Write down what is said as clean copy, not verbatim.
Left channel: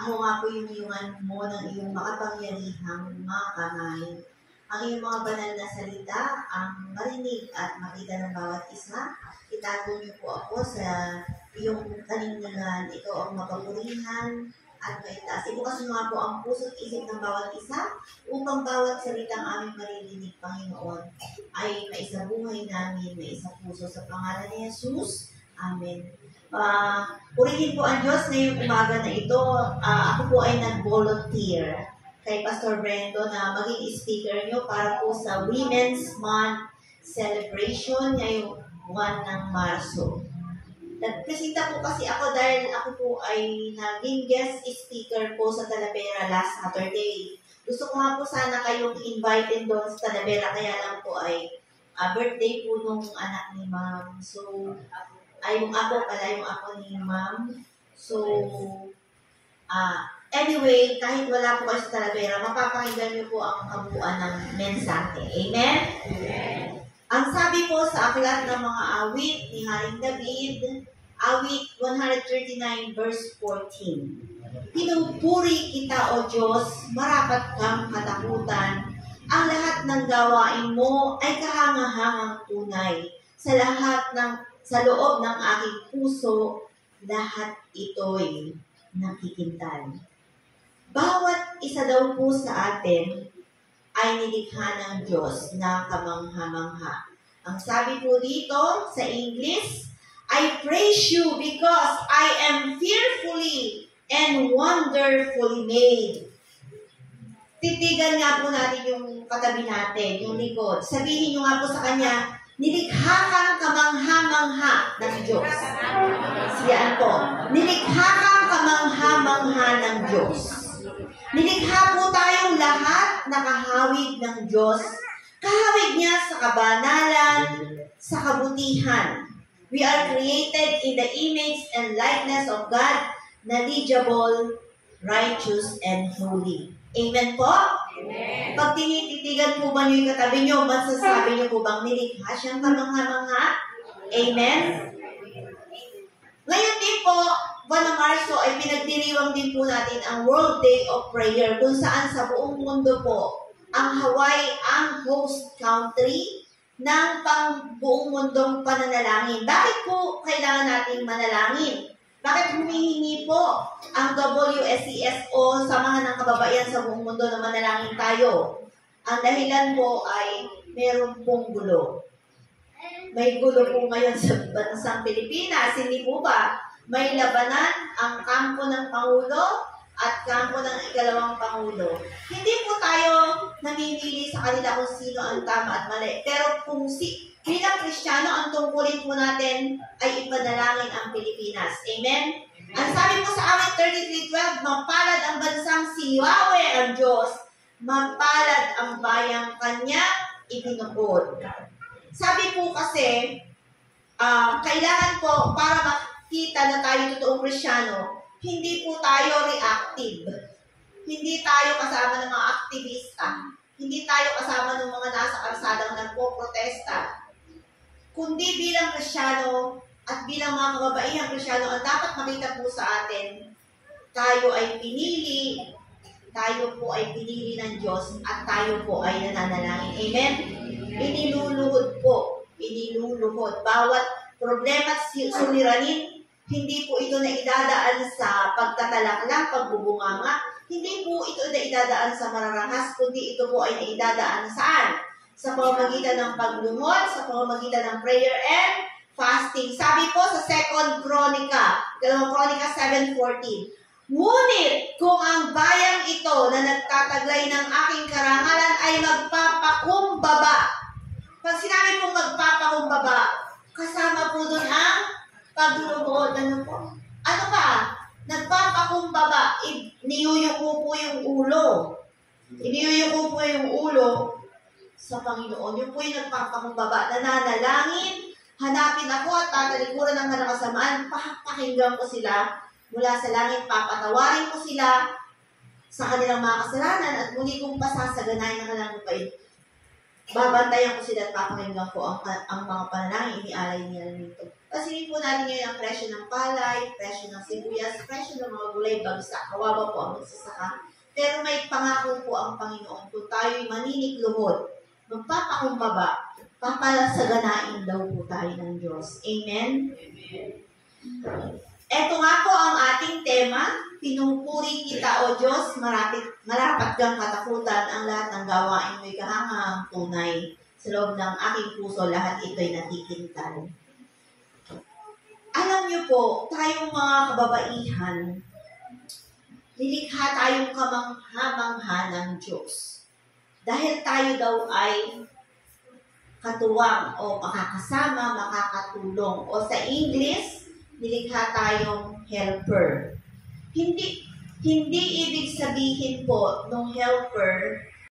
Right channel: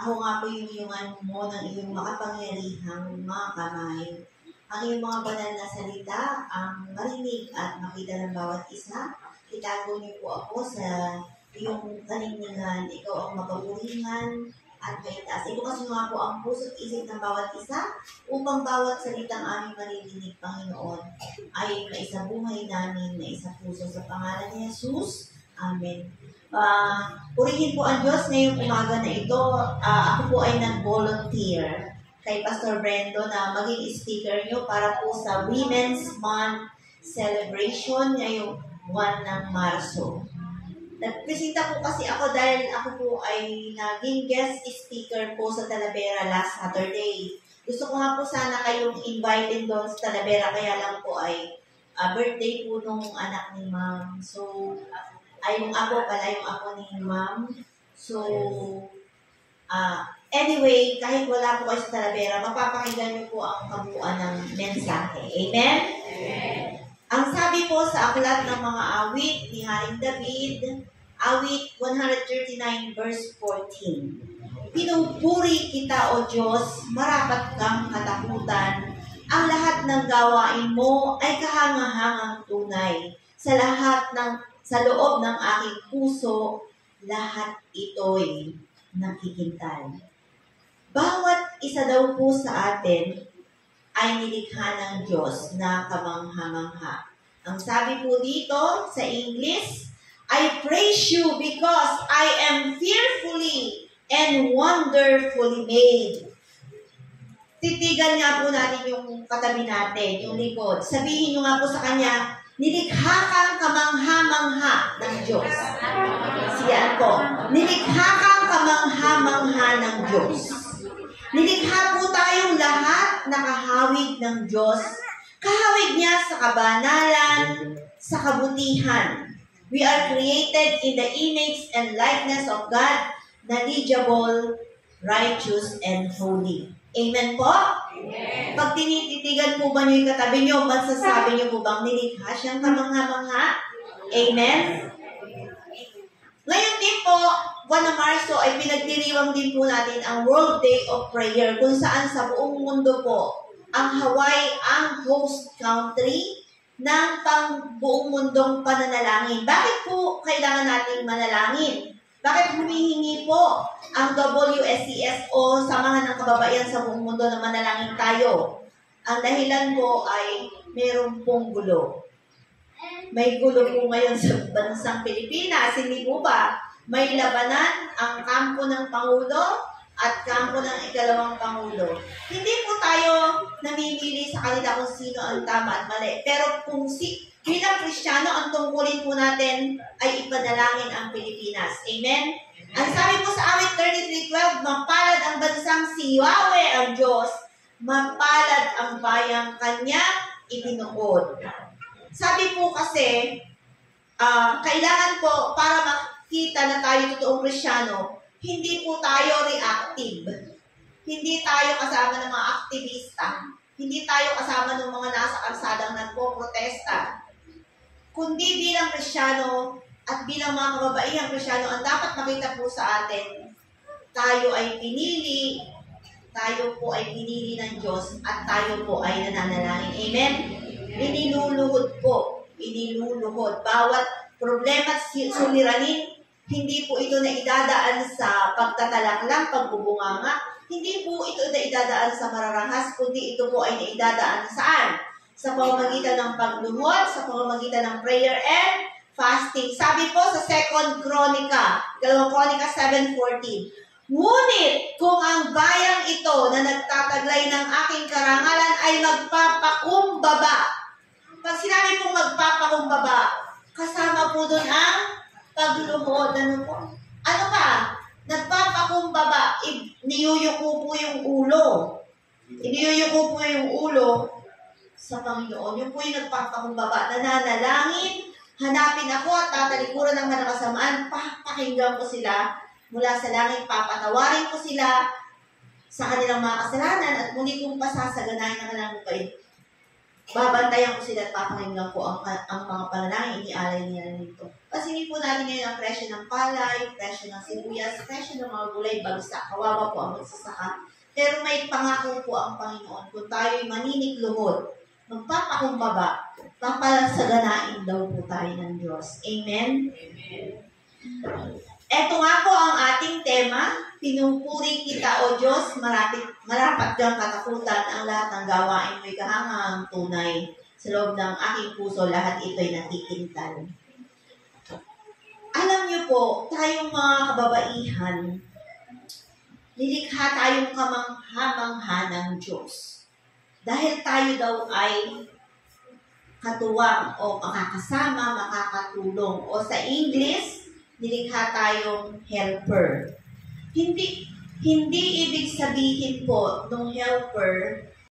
Ako nga po yung iyungan mo ng iyong makapangyarihang mga kamay. Ang iyong mga banal na salita, ang marinig at makita ng bawat isa. Itago niyo po ako sa iyong kaningalan. Ikaw ang mapapurihan at maitaas. Ibukas niyo nga po ang puso't isip ng bawat isa upang bawat salitang aming maririnig, Panginoon, ay maisabuhay namin na isa puso sa pangalan ni Jesus. Amen. Purihin po ang Diyos ngayong umaga na ito. Ako po ay nag-volunteer kay Pastor Brendo na maging speaker nyo para po sa Women's Month celebration ngayong buwan ng Marso. Nagpresenta po kasi ako dahil ako po ay naging guest speaker po sa Talavera last Saturday. Gusto ko nga po sana kayong invited doon sa Talavera, kaya lang po ay birthday po nung anak ni Ma'am. So, yung ako ni Ma'am. So, anyway, kahit wala po kayo sa Talavera, mapapakinggan niyo po ang kabuuan ng mensahe. Amen? Amen. Ang sabi po sa aklat ng mga awit ni Haring David, awit 139 verse 14. Pinupuri kita, O Diyos, marapat kang katakutan. Ang lahat ng gawain mo ay kahangahangang tunay. Sa loob ng aking puso, lahat ito'y nakikintal. Bawat isa daw po sa atin ay nilikha ng Diyos na kamangha-mangha. Ang sabi po dito sa English, I praise you because I am fearfully and wonderfully made. Titigan nga po natin yung katabi natin, yung likod. Sabihin nyo nga po sa kanya, nilikha kang kamangha-mangha ng Diyos. Siyaan po, nilikha kang kamangha-mangha ng Diyos. Nilikha po tayong lahat na kahawig ng Diyos. Kahawig niya sa kabanalan, sa kabutihan. We are created in the image and likeness of God, knowledgeable, righteous, and holy. Amen po? Amen. Pag tinititigan po ba niyo yung katabi niyo, masasabi niyo po bang nilikha siyang kamangha-mangha? Amen? Ngayon din po, buwan ng Marso ay pinagdiriwang din po natin ang World Day of Prayer kung saan sa buong mundo po ang Hawaii ang host country ng buong mundong pananalangin. Bakit po kailangan nating manalangin? Bakit humihingi po ang WSCS o Samahan ng Kababaihan sa buong mundo na manalangin tayo? Ang dahilan po ay meron pong gulo. May gulo po ngayon sa bansang Pilipinas, hindi po ba? May labanan ang kampo ng Pangulo at kampo ng ikalawang Pangulo. Hindi po tayo namimili sa kanila kung sino ang tama at mali. Pero kung bilang Kristiyano, ang tungkulin po natin ay ipanalangin ang Pilipinas. Amen? Ang sabi po sa awit 33:12, mapalad ang bansang si Yahweh ang Diyos, mapalad ang bayang kanya ibinukod. Sabi po kasi, kailangan po para makita na tayo totoong Kristiyano, hindi po tayo reactive. Hindi tayo kasama ng mga aktivista. Hindi tayo kasama ng mga nasa kalsadang nagpo-protesta. Kundi bilang Kristiyano at bilang mga kababaihang Kristiyano, ang dapat makita po sa atin, tayo ay pinili ng Diyos at tayo po ay nananalangin. Amen? Iniluluhod po. Bawat problema at suliranin, hindi po ito na idadaan sa pagtatalaklang, pagbubunganga. Hindi po ito na idadaan sa mararangkas, kundi ito po ay naidadaan saan? Sa pamamagitan ng pagluhod, sa pamamagitan ng prayer and fasting. Sabi po sa 2 Kronika 7:14, ngunit kung ang bayang ito na nagtataglay ng aking karangalan ay magpapakumbaba. Pag sinabi pong magpapakumbaba, kasama po doon ang pagluhod. Ano pa? Nagpapakumbaba, niyuyuko po yung ulo. Iniyuyuko po yung ulo sa Panginoon. Yung po yung nagpapakumbaba, nananalangin, hanapin ako at tatalikuran ng kasamaan, pakinggan ko sila mula sa langit, papatawarin ko sila sa kanilang mga kasalanan at muli kong pasasaganahin ng kanilang lupay. Babantayan ko sila at papakinggan ko ang mga panalangin inialay nila nito. Pansinin po natin ngayon ang presyo ng palay, presyo ng sibuyas, presyo ng mga gulay, bagsak. Kawawa po ang magsasaka. Pero may pangako po ang Panginoon. Kung tayo'y maninikluhod, magpapakumbaba, papalasaganain daw po tayo ng Diyos. Amen? Ito nga po ang ating tema. Pinupuri kita, O Diyos, marapat kang katakutan ang lahat ng gawain mo'y kahanghang tunay. Sa loob ng aking puso, lahat ito'y nakikintal. Alam niyo po, tayong mga kababaihan, nilikha tayong kamangha-mangha ng Diyos. Dahil tayo daw ay katuwang o makakasama, makakatulong. O sa English, nilikha tayong helper. Hindi ibig sabihin po ng helper